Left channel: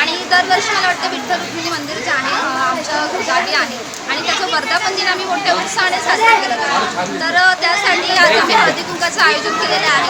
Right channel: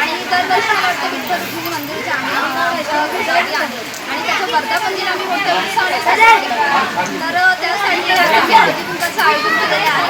आणि दरवर्षी मला वाटतं विठ्ठल रुक्मिणी मंदिर जे आहे आहे. आणि त्याचं वर्धापन दिन आम्ही मोठ्या उत्साहाने साजरा तर त्यासाठी आज आम्ही हळदी कुंकाचं आयोजन केलेलं आहे.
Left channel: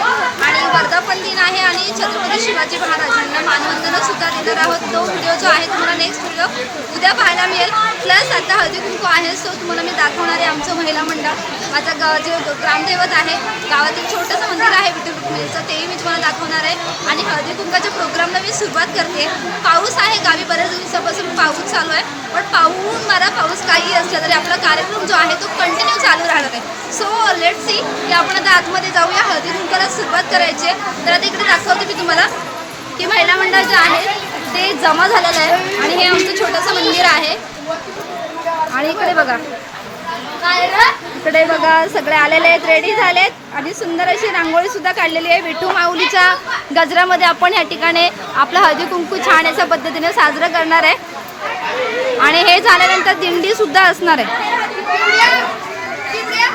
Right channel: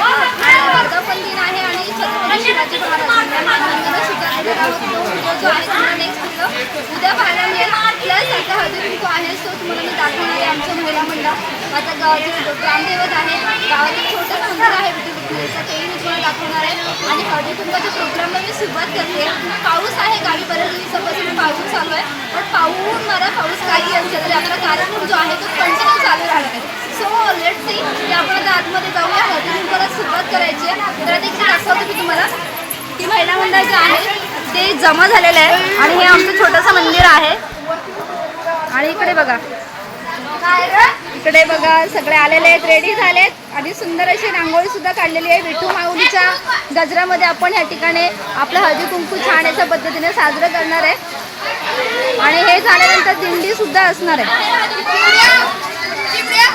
आणि वर्धापन दिन आहे आणि छत्रपती शिवाजी महाराजांना मानवंदना सुद्धा देणार आहोत. तो व्हिडिओ जो आहे तुम्हाला नेक्स्ट व्हिडिओ उद्या पाहायला मिळेल. प्लस आता हळदी कुंकू आहे सो तुम्हाला मी दाखवणार आहे आमचं महिला मंडळ माझ्या गावाचे ग्रामदैवत आहे गावातील छोटंसं मंदिर आहे विठ्ठल रुक्मिणीचं तेही मी तुम्हाला दाखवणार आहे. आणि हळदीकुंबाच्या प्रोग्रामला मी सुरुवात करते. पाऊस आहे गावी बऱ्याच दिवसापासून पाऊस चालू आहे. पण पाऊस मारा पाऊस काही असला तरी आपला कार्यक्रम जो आहे तो कंटिन्यू चालू राहणार आहे. सो लेट सी की आपण आता आतमध्ये जाऊया. हळदी कुंकाला सुरुवात करायची आहे. तर आता इकडे दाखवते मी तुम्हाला. की महिला मंडळ जे आहे ते जमा झालेलं आहे. आणि हे आमचं छोटंसं मंदिर आहे. आणि इकडे बघा. इकडे बघा सगळे आलेले आहेत रेडी झालेत. आणि सुंदर अशी रांगोळी सुद्धा काढलेली आहे. विठू माऊलीच्या गजरामध्ये आपण या ठिकाणी आपलं हळदी कुंकू छान अशा पद्धतीने साजरं करणार आहे. आणि हे झाल्यानंतर दिंडी सुद्धा असणार आहे.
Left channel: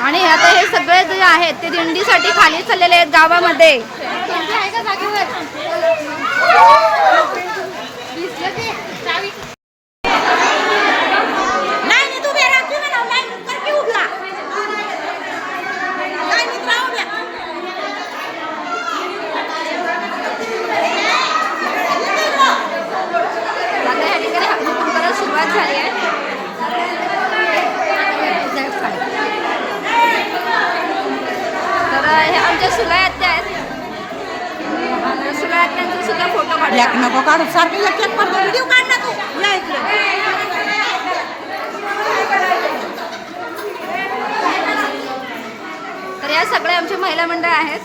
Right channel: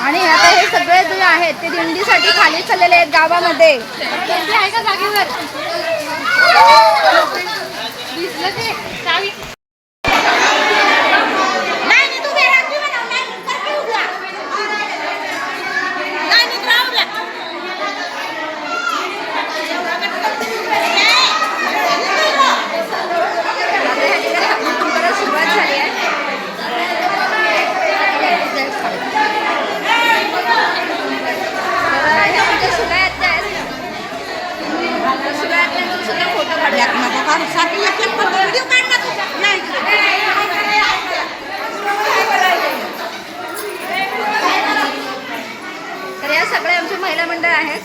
आणि आता हे सगळे जे आहेत ते दिंडीसाठी खाली चाललेले आहेत गावामध्ये नाही नाही, तू वेडा, तू वेडा. नाही, कर की उभा. नाही, नाही, राहू द्या. आता या ठिकाणी हळदी कुंकाला सुरुवात झाली आहे तर ह्या आमच्या सुला आत्या आहेत तर सुला आत्यांचा सुद्धा फोटो काढूया एक नको काढू, सारखी एक एक फोटो व्हिडिओ काढ ना तू. नाही. तर या सगळ्या आमचे महिला मंडळ आहेत.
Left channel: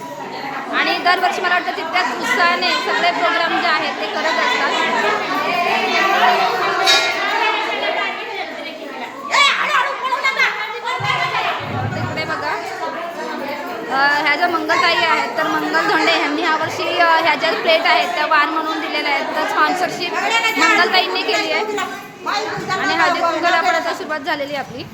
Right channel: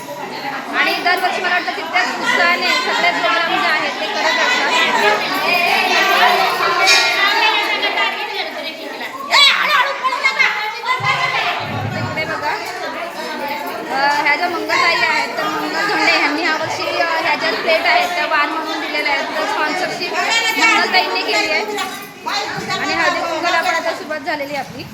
आणि दरवर्षी मला वाटतं तितक्याच उत्साहाने सगळे प्रोग्राम जे आहेत ते करत असतात. अ, मंगलताई आहेत तर मंगल धोंडे ह्यांनी यावर्षी ह्या ज्या प्लेट आहेत त्या वाण म्हणून दिलेल्या आहेत तर स्पॉन्सरशिप मंगलताईंनी केली आहे आणि हळदी कुंकूला आपण आता सुरुवात झालेली आहे आपली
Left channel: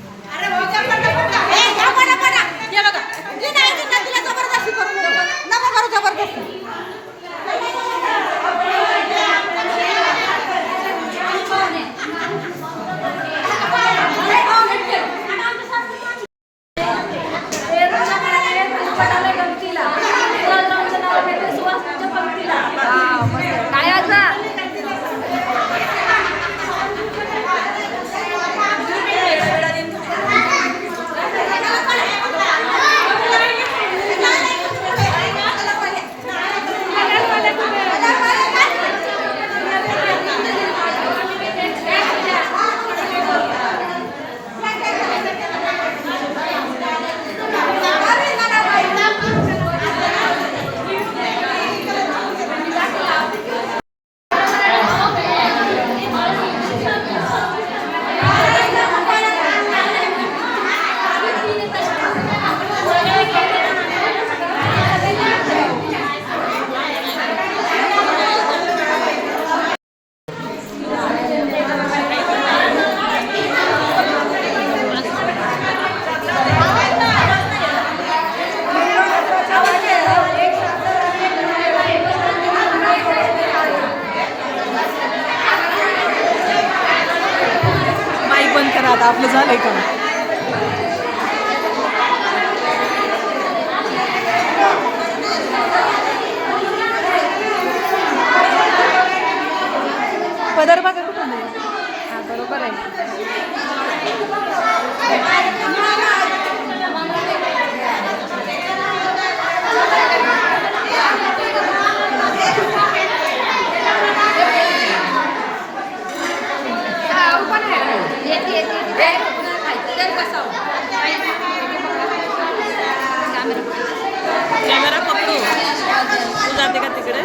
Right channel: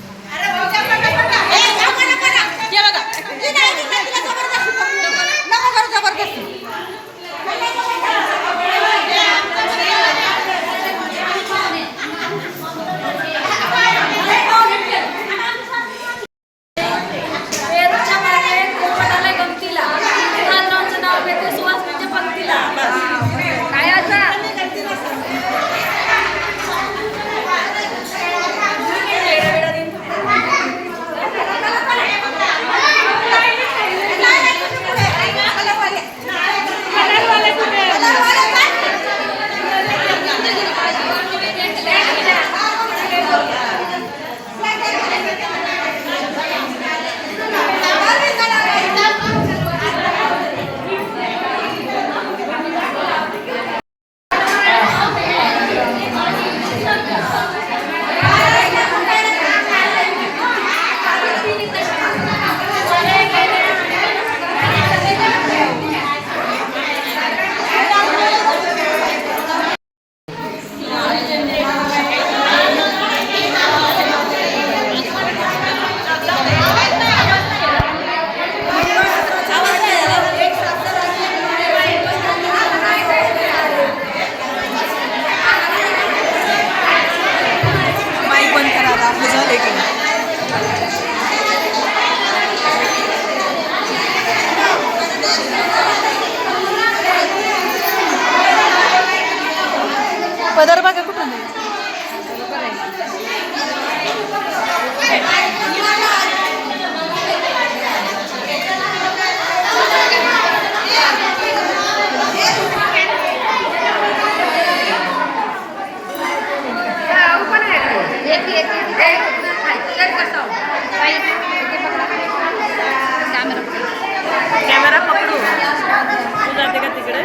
कॅमेरा पकडू. तू जाते का तिकडे?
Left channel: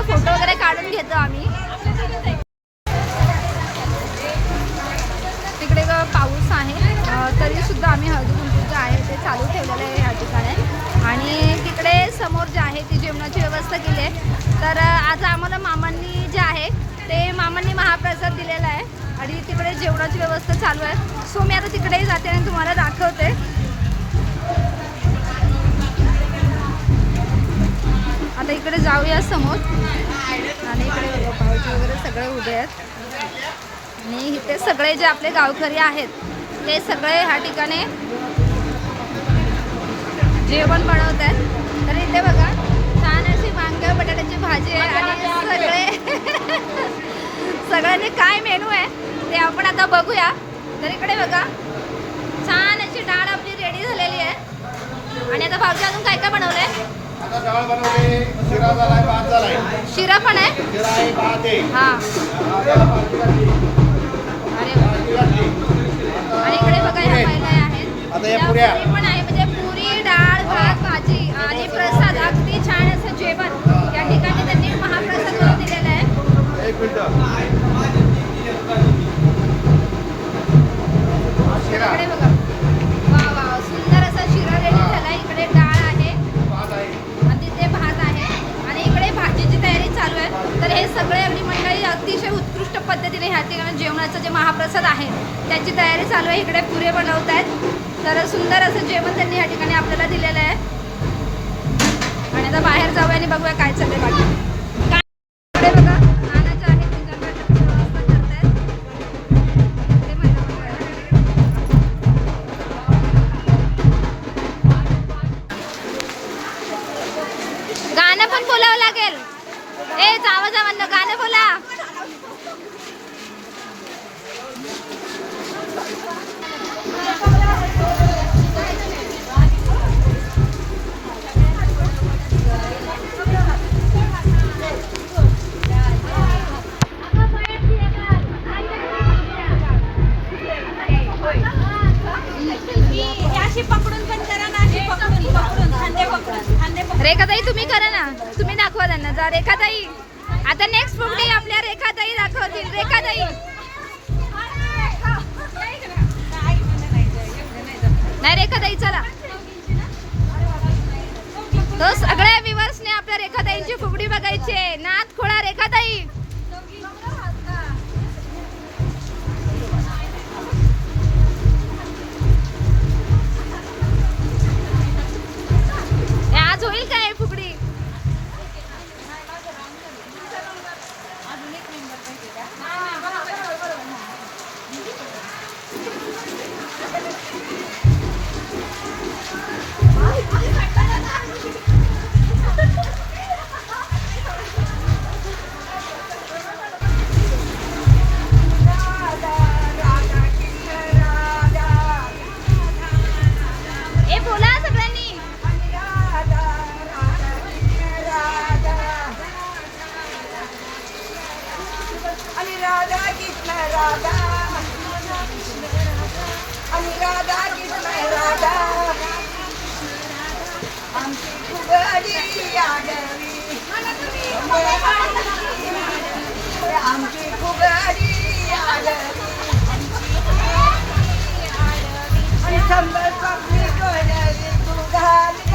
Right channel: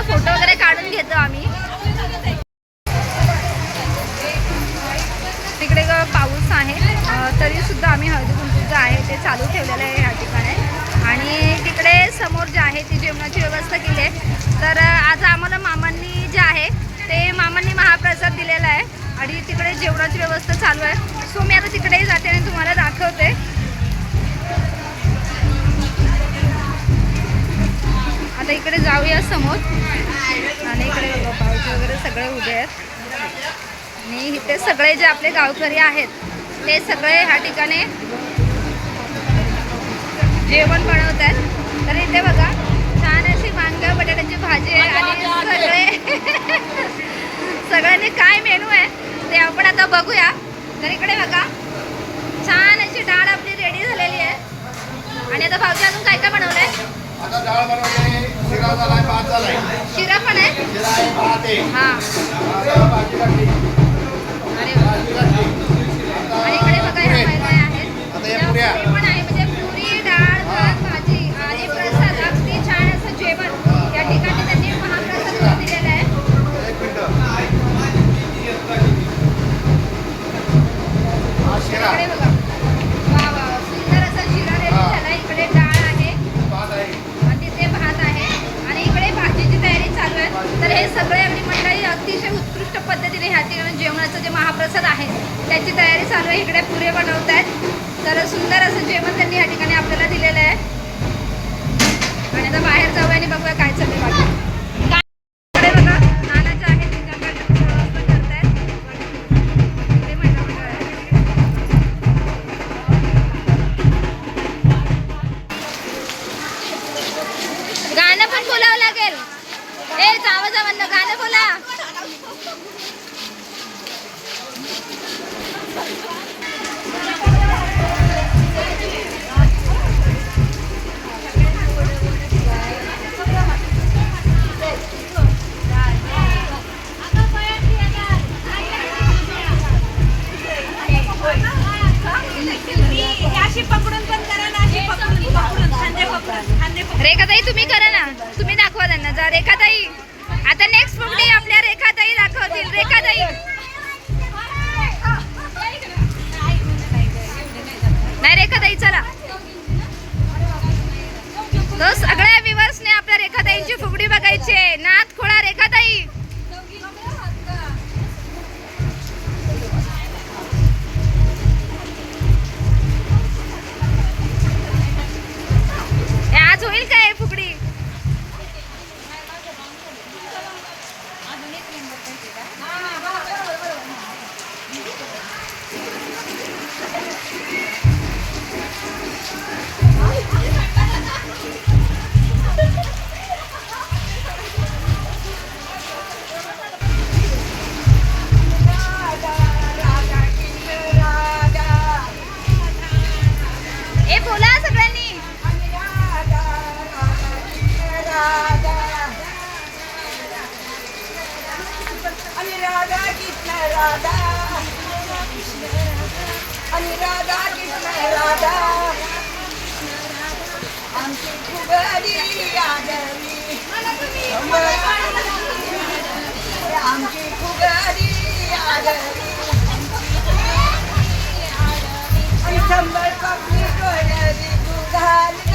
आता फोटो वगैरे काढून घेतो आम्ही. तिकडे पाऊस आहे. तरी सुद्धा आम्ही हळदी कुंकू जे आहे ते चालू ठेवलेलं आहे ह्या ठिकाणी. आणि तिकडे समोर जे आहे ती जेवणाची व्यवस्था केली आहे. तर आज आम्हाला मामांनी जे आहे ते मामांनी महाप्रसाद दिलेला आहे. आणि तिकडे जेवणाची व्यवस्था चालू आहे. सो मी आता तिकडेही जाते आणि तुम्हाला दाखवते. आता इकडे जाऊया समोर. आणि इकडे बघा भाऊजी वगैरे सगळे उभे आहेत. आणि इथे सगळे जे आपले गावकरी आहेत ते सगळे ह्या ठिकाणी जेवण बनवत आहेत. तर इथे बघा छान अशी वांग्या बटाट्याची भाजी आहे आणि सगळे सगळ्यांनी काय मेनू आहे ते आपण आता बघूया. तर इकडे बघा छान अशी डाळ आपली रेडी झालेली आहे. आणि आता भावजी अजून काय काय बनवलं आता डाळ बनवले शिरा झालाय भात झालाय. शिरा पण आहे? शिरा आहे भात आहे. हा. आता भाजी लागली अरे वा. भाजी लागली आणि इकडे बघा ह्या महिला आहेत. आता या त्या पुऱ्या. पुरी पण आहे म्हणजे पुरी डाळ भात भाजी आणि प्रसाद. अगदी छान असं जेवण. या ठिकाणी त्यांनी महाप्रसाद दिलेला आहे. एक मिनिट. हा शिरा इकडे बघा. तर हे सगळे आम्ही मंडळी अतिशय उत्कृष्ट पद्धतीने ह्या ठिकाणी जेवणाचं जे महाप्रसाद आहे त्याची तयारी चालू आहे. इकडे पुरे बनवत आहेत. तर सुंदर असं जेवण त्यांनी ह्या ठिकाणी आपल्याला दिलेलं आहे. आणि आता बाहेर जाऊया आणि बघूया काय चाललंय बाकी. राधा कृष्ण राधा. आणि राधा कृष्ण राधा. आमची फुगडी आगवी आमची फुगडी आगवी आणि शंभर कपडी डोळ्यावी तू घाली.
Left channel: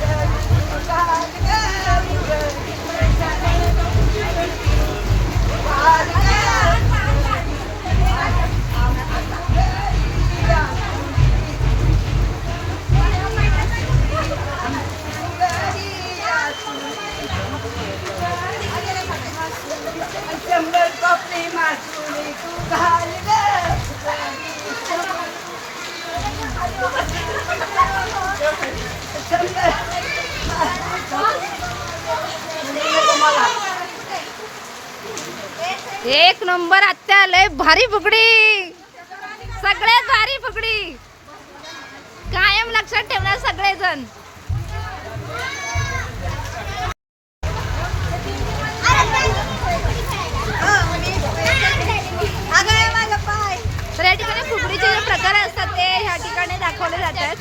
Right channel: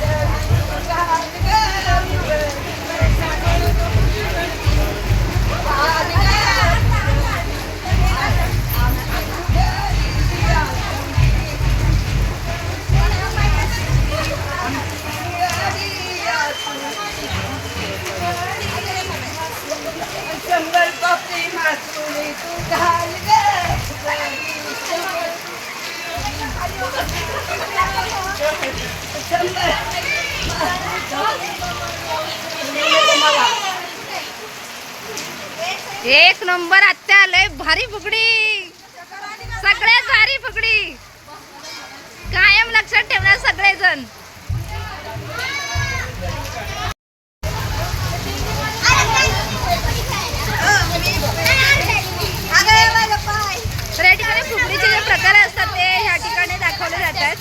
शंभर जण या ठिकाणी फुगडीचे जे प्रकार असतात ते ह्या ठिकाणी दाखवले जातात.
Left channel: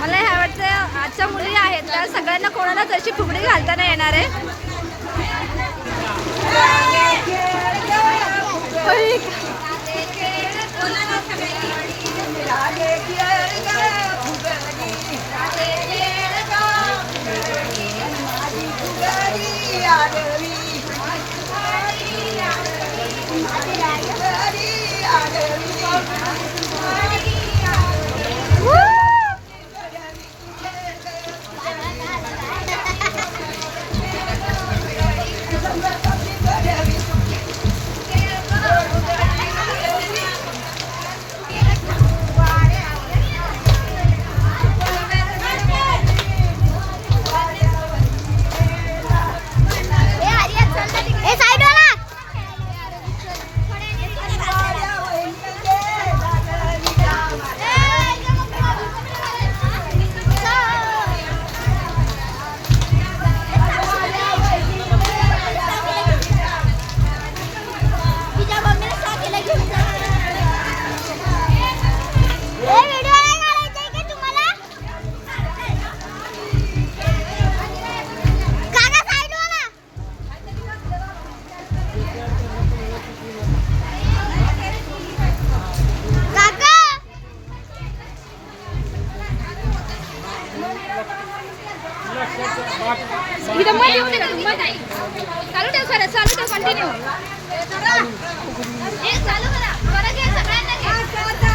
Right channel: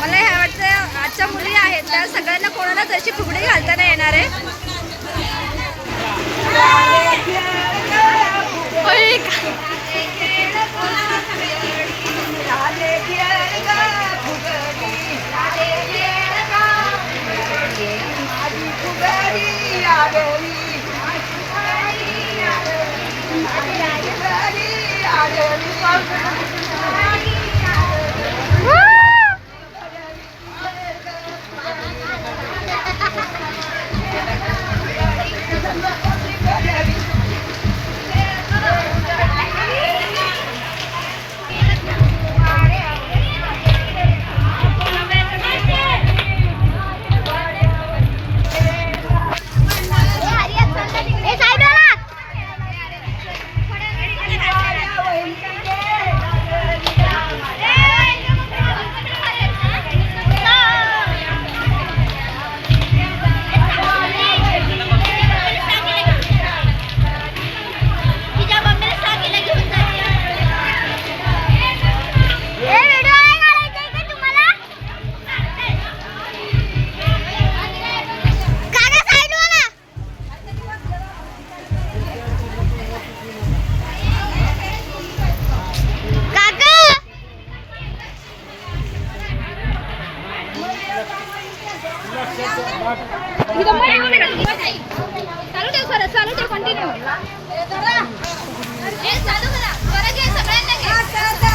मला ह्या वाटतं आजच्या मुली आहेत त्या सगळ्यांना कोणालाच अशी फुगडी घालताना येणार आहे. चालू कंटिन्यू हे चालू करा. परत घे सगळ्यांना घे.